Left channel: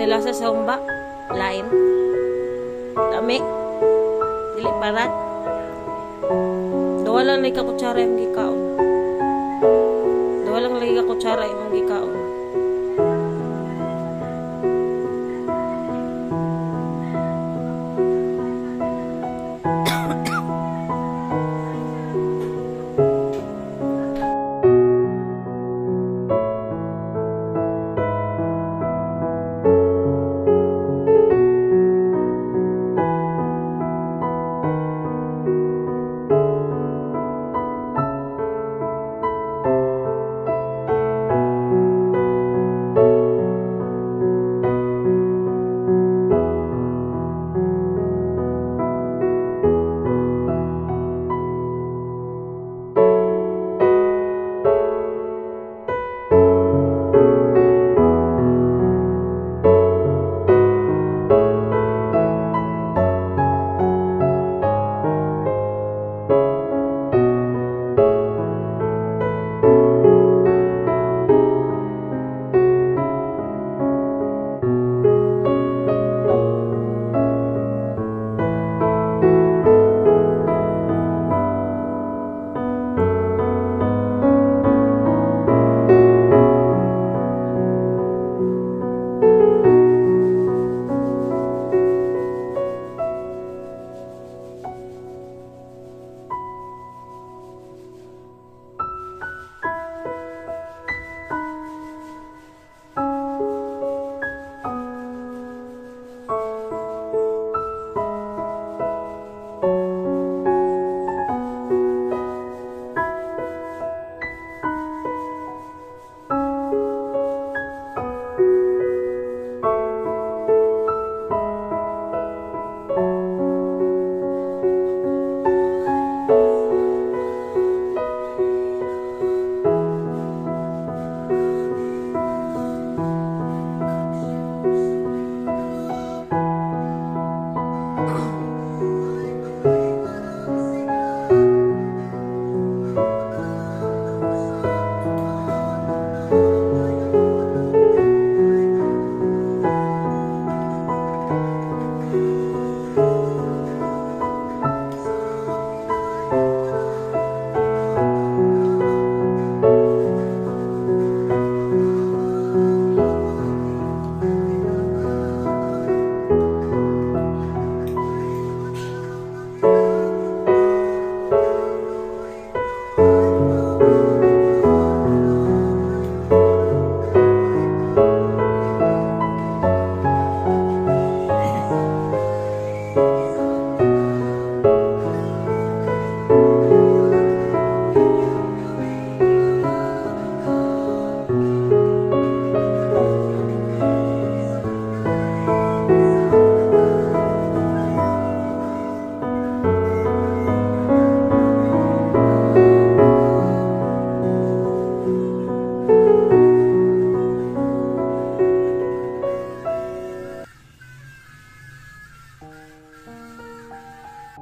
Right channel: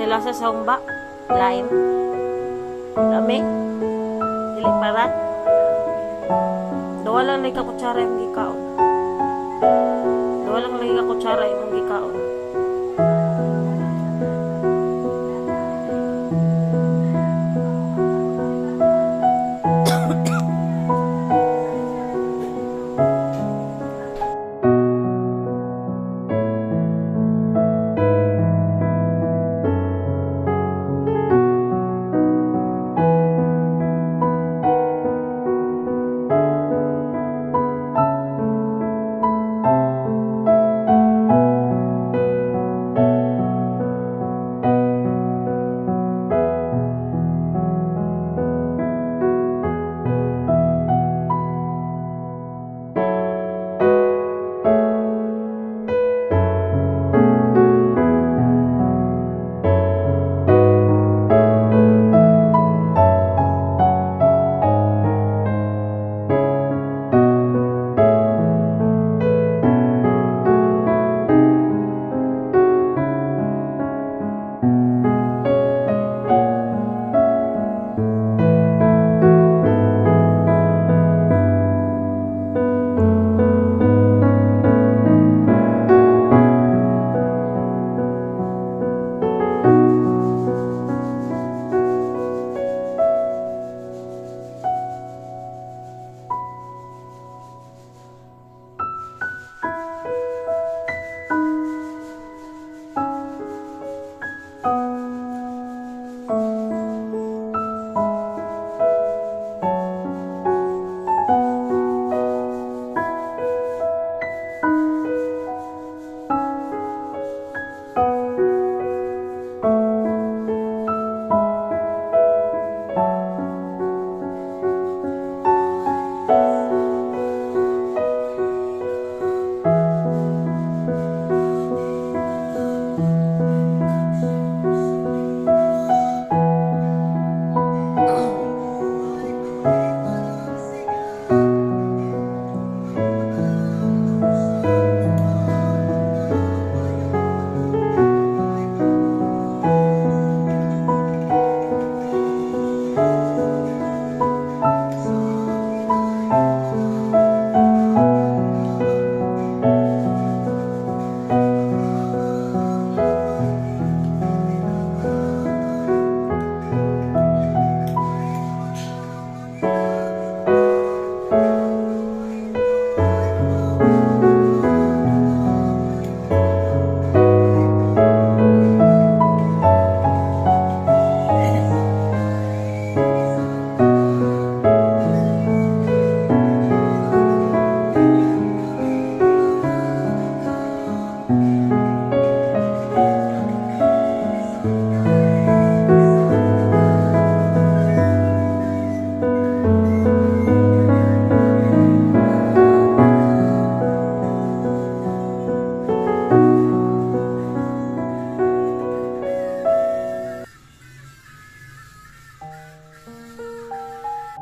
Sila sa somba. Lain. Dami. Dili parat. Dawa lang lagi ka kutsara yung gikaon. Dawa lang lagi ka kutsara yung gikaon.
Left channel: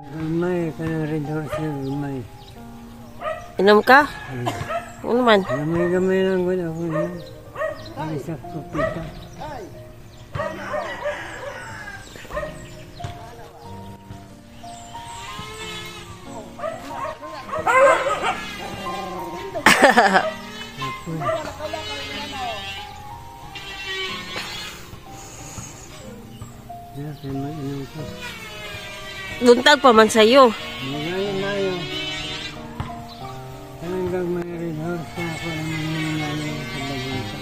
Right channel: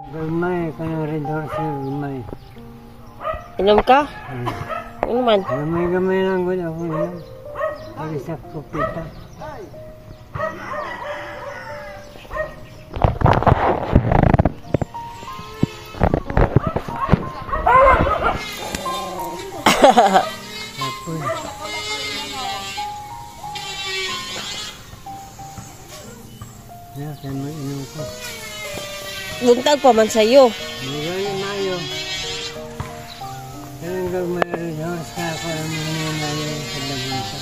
Gamay, kanang red horse na gamay. Inom ka? Ano man? Gamay lang ko ako yun. Ang isa kupita. Apoy. Ya, kaya mag-inom ko. Buntag pa man sa'yo. Magaya na yun. Kanang gamay red horse na ako ang mga sa lagunta.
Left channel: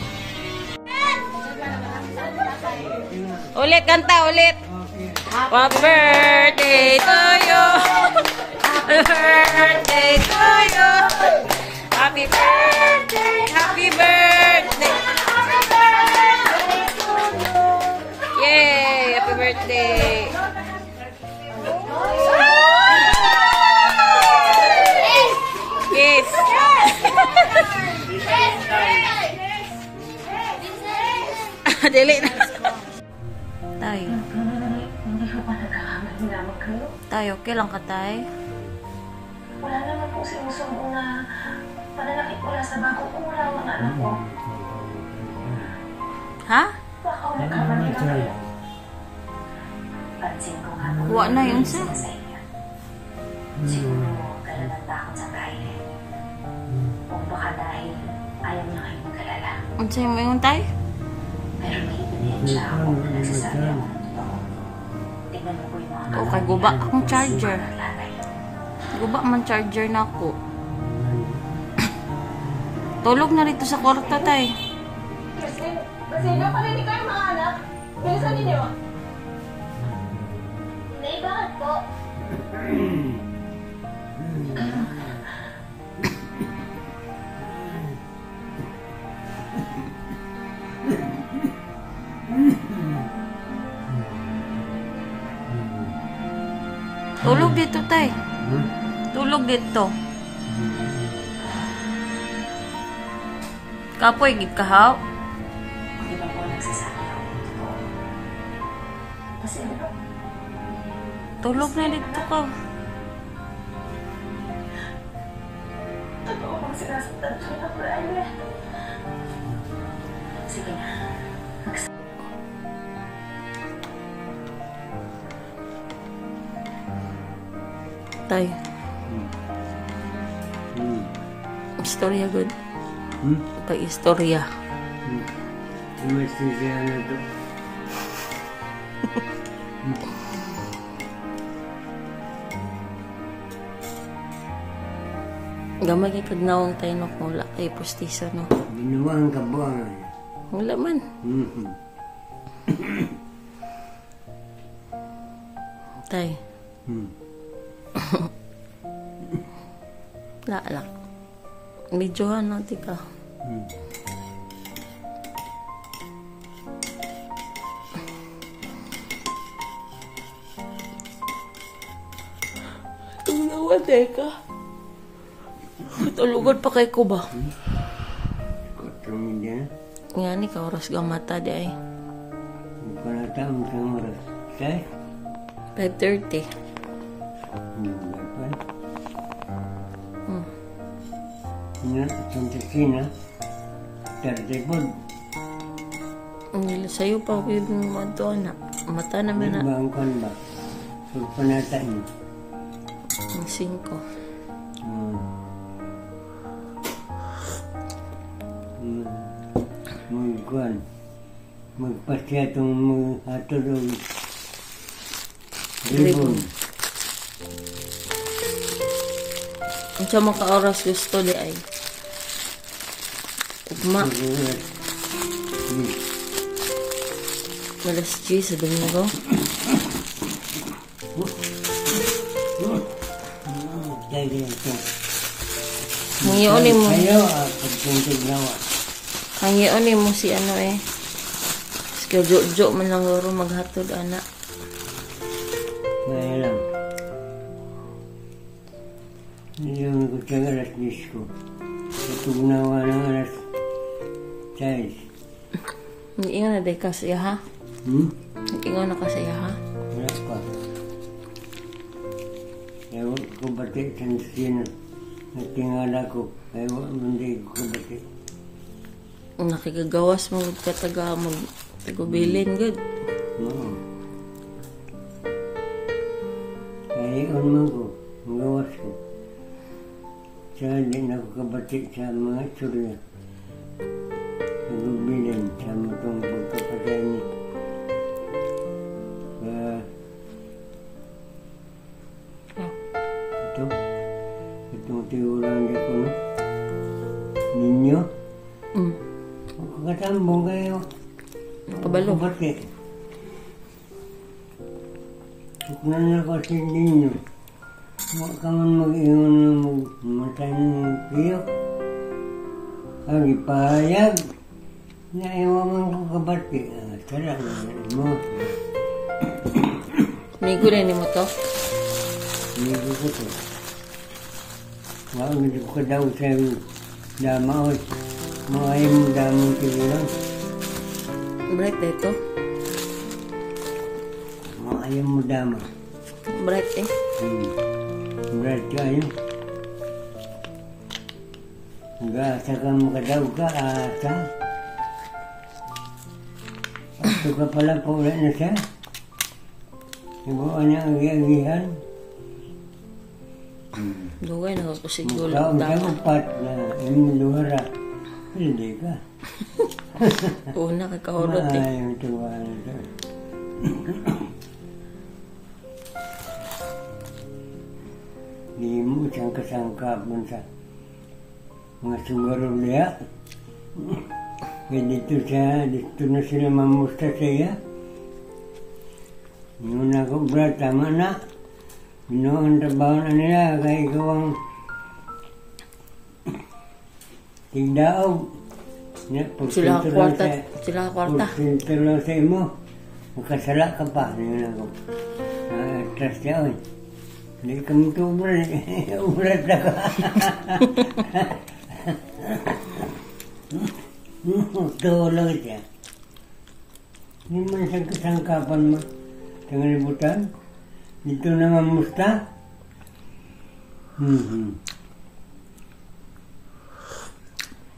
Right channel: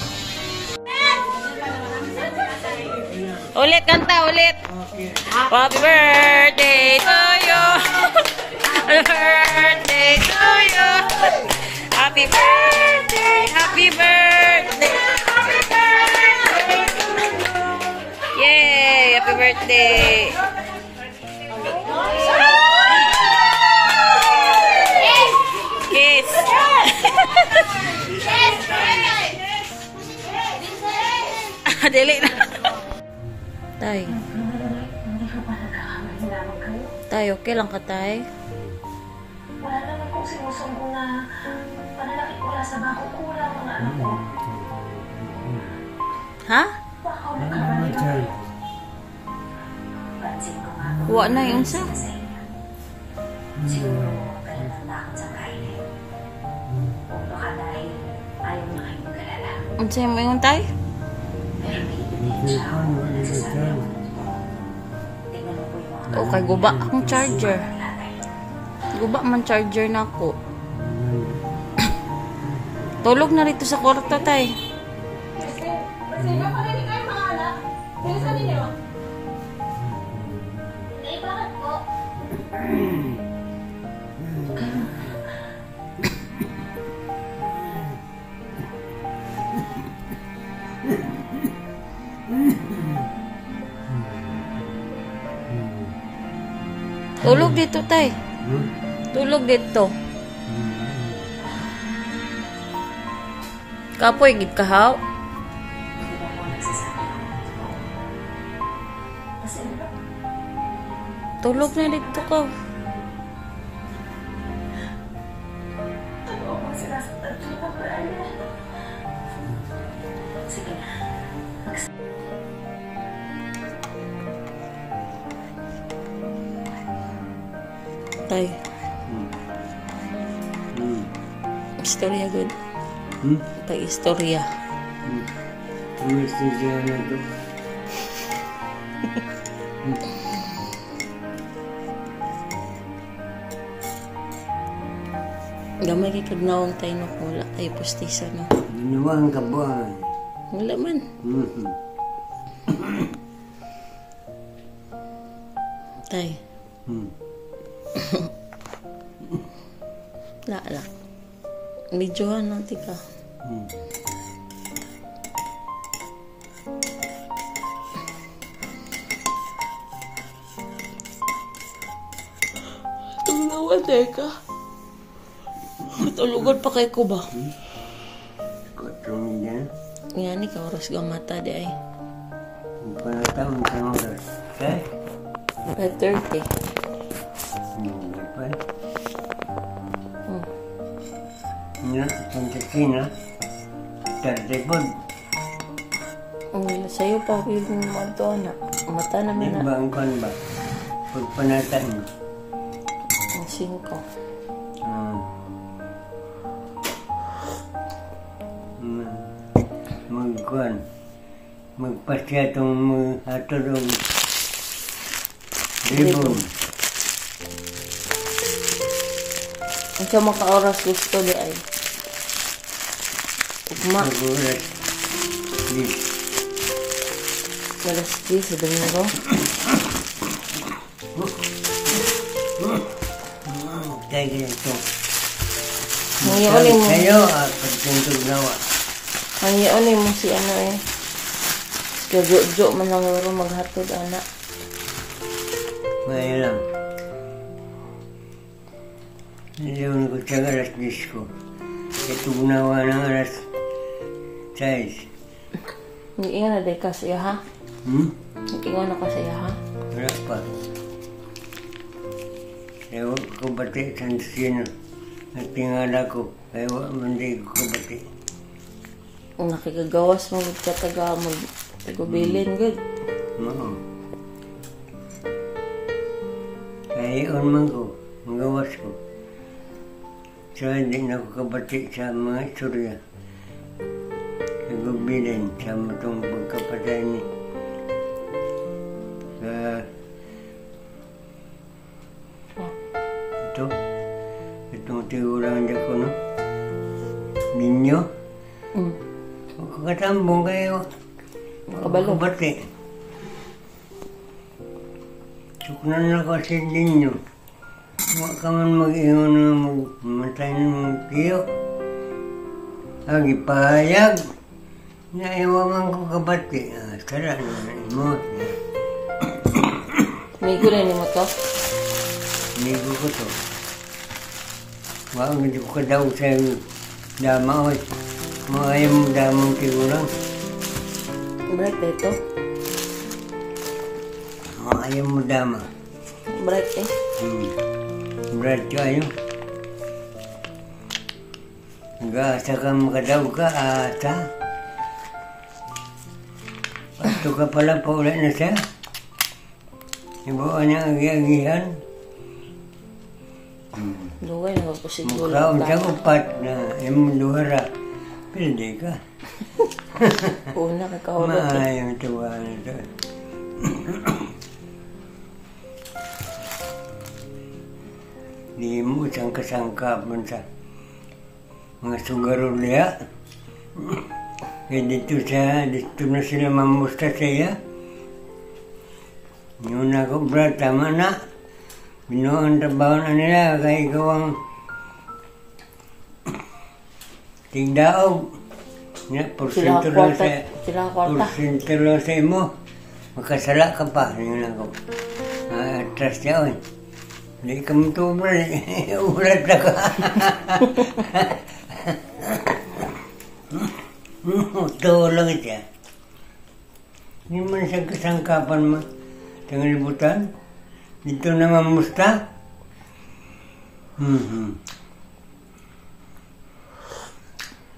Ulit, kanta, ulit. Happy birthday to you. Happy birthday to you. Happy birthday, happy birthday. Yay, happy birthday. Kiss. Dili na. Tay. Tay, okay lang ka, tay? Wala naman pong sinusumbong na pananakit wala sa bako kung wala mga anak ko. Ha? Baka wala ka ba Saan? Pansin ko nga Wa na yun sa. sa inyo. Siguro kalalandakan sa kainin. O baka dahil ayaw niya kayong mag-alala. Ang sa'yo mo yung tay? Pero may ebidensya ako na nagsasabi ako nito. Tingnan mo po yung mga O kay guba akong charger. Guba man charger na ako. Tulog na rito sa kwarto tay. Kasi nga pala hindi kayo mga anak. Yung sa ninyo. Nay, bakit po? Tulog dito tay. Tulog dito. Kapoy gid kahaw. Di ba po nagsasabi ako nito? Kasi Tulog na dito ka. totoo kong sinasaktan kita, Brian. Sige na. Tay. Istorya good. Pag-istorya. Anesthesia na to. Gamay kay kagnawang tayo na kung wala kay pustiso no. Minuwang kabuangan. Wala man. Tay. Lala. Medyohan lang tika. Tumawa ka. Tulugan pa kay ko ba? Kotong niya. Nga ni ka oras gamata di ay. Panatang sa mga kay. 5:30. Dapat. Nya, Santasina. Tardipod. Ang sa'yo pa yung mga anak. Mata naman na. Nagbangkon ba? Pagpanatan. Ang 5. Magkuhan. Magpasya itong hatod o ribbon. Ang sa mga oras gusto di ay. Ugma. Sugulat. Alas 10 sa dami na ko. Kaya ganito. Nangyunin mo. Kayo, pagtuntog nawa. Nangyunin mo si ano eh. Kajo-jo man lang oro maghatod anak. Kaya lang. Niliwan ko siya alas 10 ko. Katugnawa ng alas 6. Nag-ingon na day ka sa iya ha? Nag-ingon na ka sa iya ha? Wala pa. Kaya wag ko bati sa sino. Nagtingala ko. Kaya wag hindi ko bati. Nakikagawas mo kataga mo. Tagubilin good. Oo. Kaya iyon man ko. Magawas ko. So hindi na ko kabati sa mga istorya. Nagubilin sa matong pagkapatay ni. Itong tigulang dyan ko, no? Ninyo? Kakatambong kayo. Kabalo. Kabati. Suknan na kasi ninyo. Huwag ka man mag-ingon na magmatay ng tiyo. Ang ipahayag. Naiwaman ko kabati. Tara naman mo. Migo na ni mo to. Inigo ko to. Huwag hindi ko kadaw sa dama. Mga ayaw mo damang tigulang. Bright ba ito? Mga ayaw mo dama. Bright eh. Berat kayo. Nag-aasa ka makadaw ka, ata. Pato ka pala, paula na siya. Ibuan niya ang agi-agihan. Luway na ako siguro. Mukhaon siya upat na imong luhara. Pwede ka. Una ka kahulot eh. Maayang tuwa na ito. Di mo isang kasangkap man sa mga sugarulya. Kaya dito na sila mamusta siya. Yun ako, brad, tama na. Binuang trabaho na nila, kaya ikaw ang tigdaog. Sila ang kwarta. Sila ang kwarta. Porsyento lang sa imo. Makasala ka pa. Yun ako. Atras niya, oy. Hindi ka matubra. Ulat na ka. Ito lang siya. Hindi man siya kasangkapan mo. Sa libutan. Dito naman musta.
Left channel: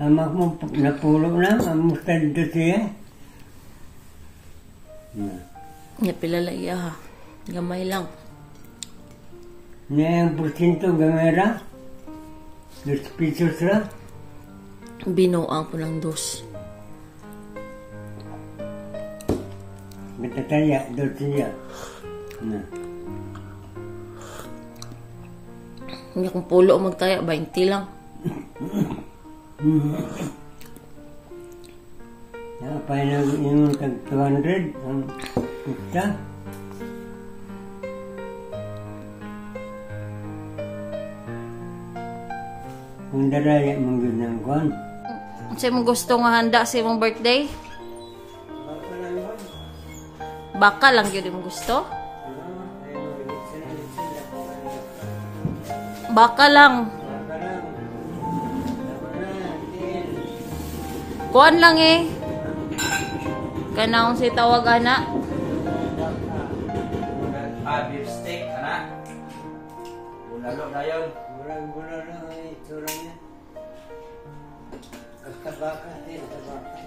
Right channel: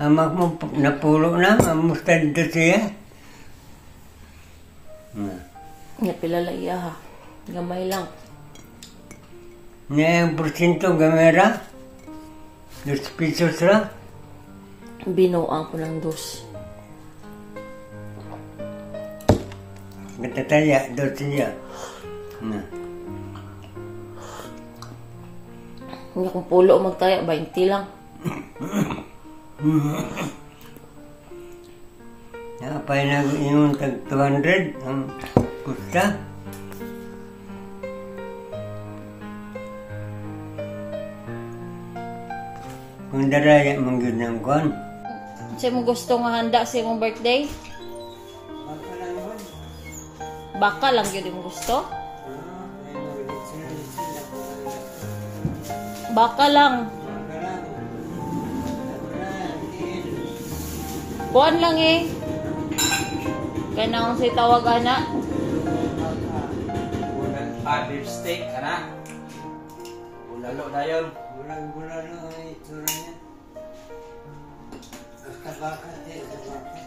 Amak mo napulo na. Musta dito siya. Nga pilala iya ha. Gamay lang. Nga yung porsyento gamera. 2 pesos ra. Binuang ko ng 2. Matataya, 2 siya. Na. Hindi kung pulo o magtaya, 20 lang. Napay na yung tag 200 ang kusta. Kung daraya mong yun ng kwan. Kasi mo gusto nga handa sa imong birthday? Baka lang yun mo gusto? Baka lang. Kuan lang eh. Kanang si tawag ana. Beef steak, ana. Bulalo na yun. Bulang-bulang lang ang itsura niya. Kastabaka, kastabaka.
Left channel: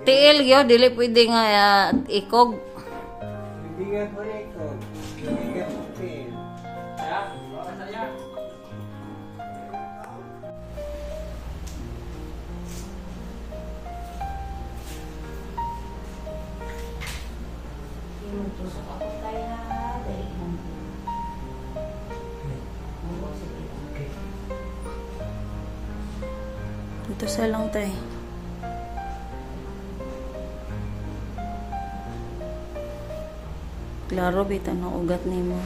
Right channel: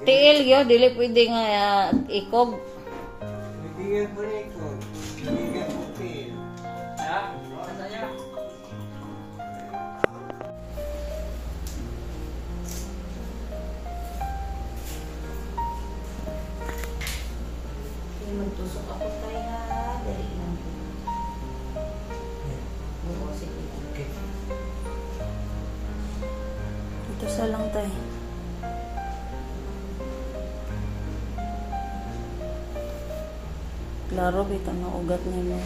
Tiil yo, dili pwede nga ikog. Bibigyan ko nito. Bibigyan ko pin. Ha? Baka na yan. Tusok ako kaya dari lang. Sige. Ito sa lang tay. Klaro bitan ang ugat nimo.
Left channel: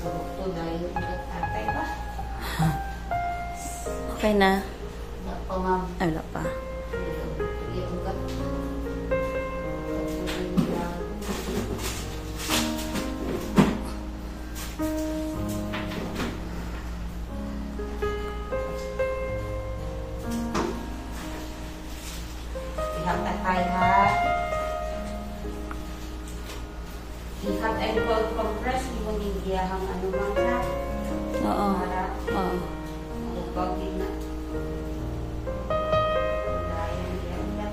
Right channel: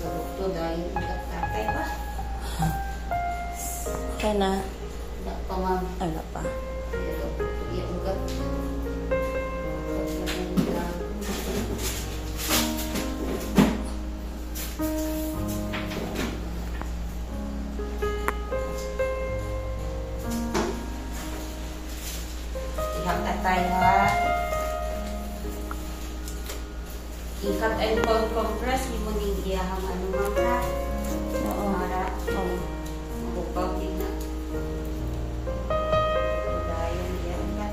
Ito dahil ugat tatay ba? Kay na Wala pa ma'am. ala pa. Yung ugat. Ihang tatay ha. Ihang ay compress. Hindi mo nigiyahang ano man ha. Oo. Para Oo. makupaw din na. Dahil yan na.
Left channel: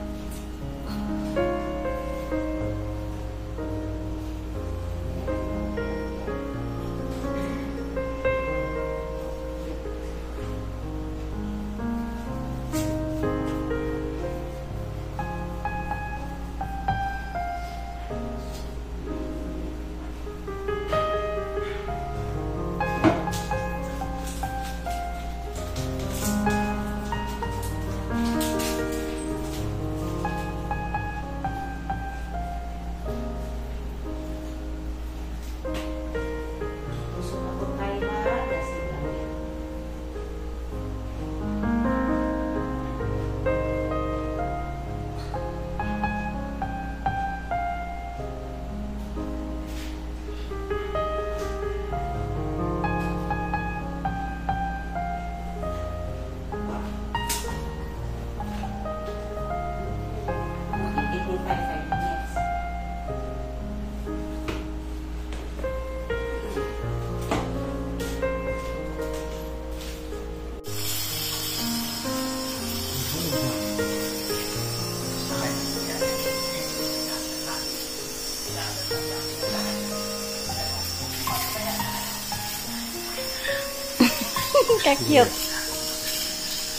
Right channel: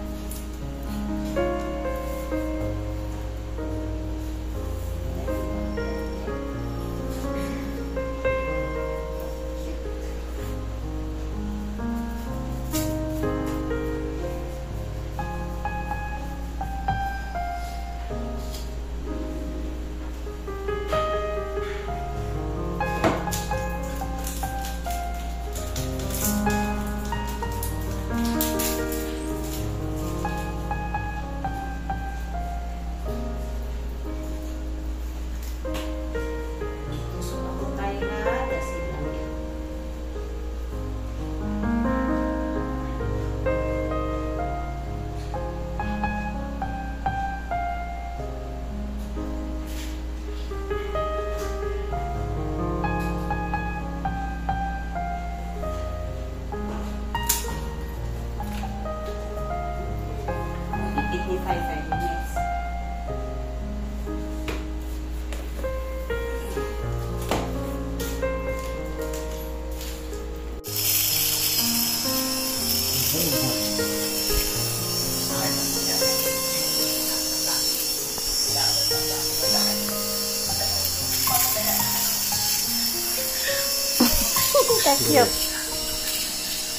Ka-cute.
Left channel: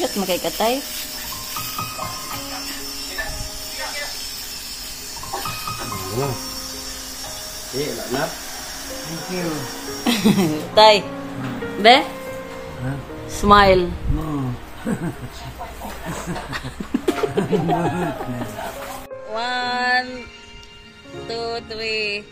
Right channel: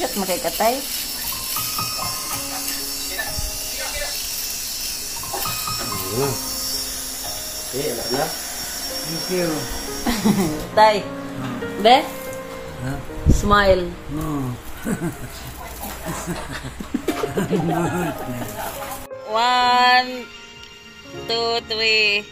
Cute mo kay katay. Wala na. Thank you. Tay. Be? Ha? Smile. Oo. 1, 2, 3.